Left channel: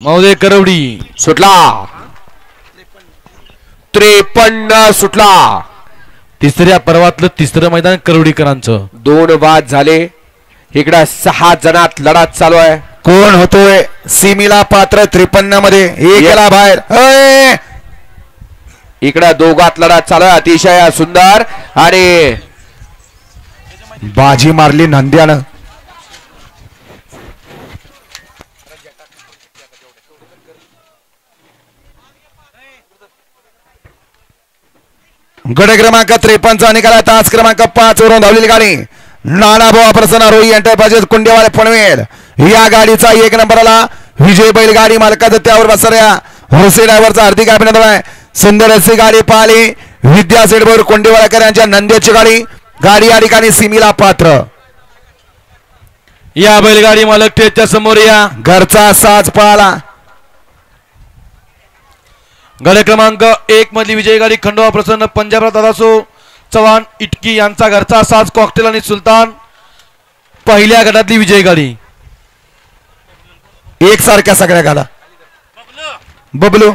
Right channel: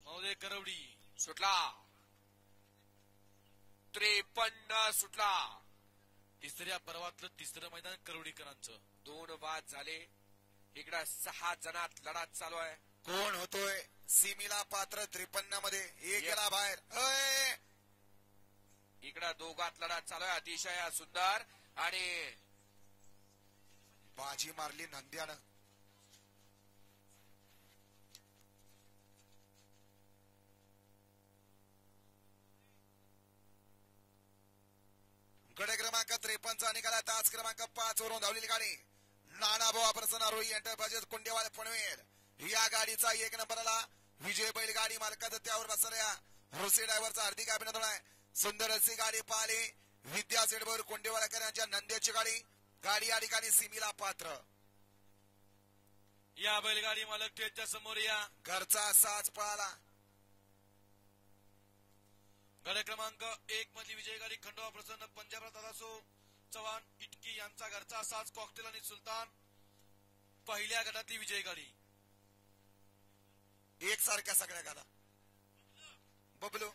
महोदय करवडी सुटला 53 सुटला। तिसऱ्या पर्वातलं तिसरं मैदान करवडीकरांचं। 2 बाद झाले। इकडे 6 जणात लढत चालू आहे। कोण होतोय सीमीला पात्र 53 मध्ये एक गेला बाहेर। इकडे दोघात लढत चालू आहे। अतिशय सुंदर आणि बाजी मारली नंद्यानं। गट क्रमांक 53 चा निकाल तास क्रमांक 5 वरून धावलेली गाडी नानाभाऊ प्रसन्न रोई एंटरप्राइजेस कुंडेवाले पनवेल या गाडीचा 1 नंबरला विजय बैलगाडी मालकाचं त्यावर बसऱ्या हुसे ड्रायव्हरचा हार्दिक अभिनंदन आहे। सुंदर अशी गाडी पाहिली विद्या सेडभर कुंडेवालेकर यांच्या नंद्याची गाडी या ठिकाणी सीमीला पात्र। या बैलगाडी मालक त्याच्या समोर या घरचा साज पाला। गट क्रमांक 1 मधली विजय गाडी खंडोबा प्रसन्न पंजाबराव दादासो चव्हाण इटकी यांचा घरचा साज कॉकटेल आणि सुलतान पहिल्या गटातली विजय गाडी। एक सारख्या सगळ्या गाडा बबलू